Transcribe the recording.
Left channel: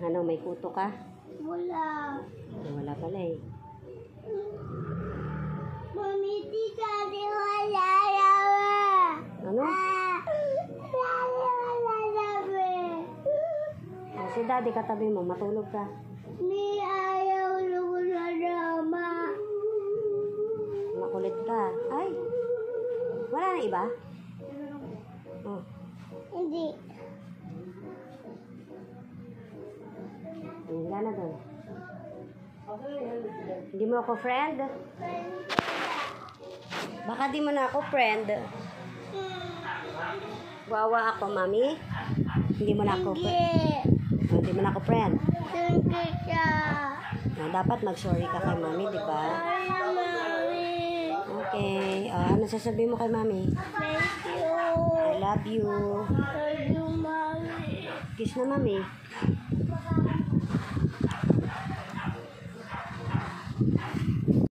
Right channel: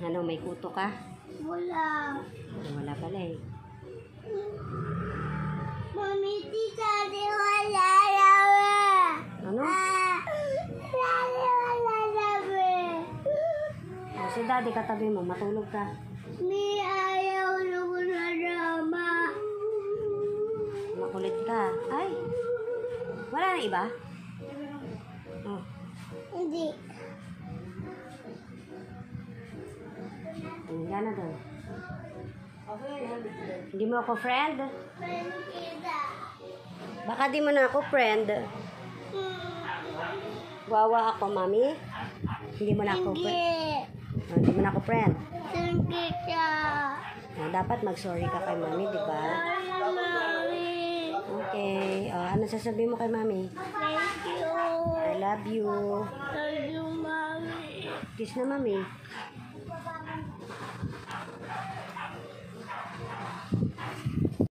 Ano, may kuto ka? Wala. Wala pala eh. Mami, tita, di wala namin. Ano? Wala namin. Si daddy katabi mo, matulog ka. May ayaw lugo na drama. Makulit ka. Ay! Wala na iba? Oh. Hindi. Wala na doon. Hindi mo ako friend? Baka di mo na ako friend. Wawa ako, mami. Hindi mo na ako friend. Hindi mo na ako friend. Hindi siya. Dapat mag-sorry ka kay mami, di ba? Ay, mami. Okay. Ano sasabihin mo kay mami? Thank you. I love you. Thank you, mami. Kiss na, mami.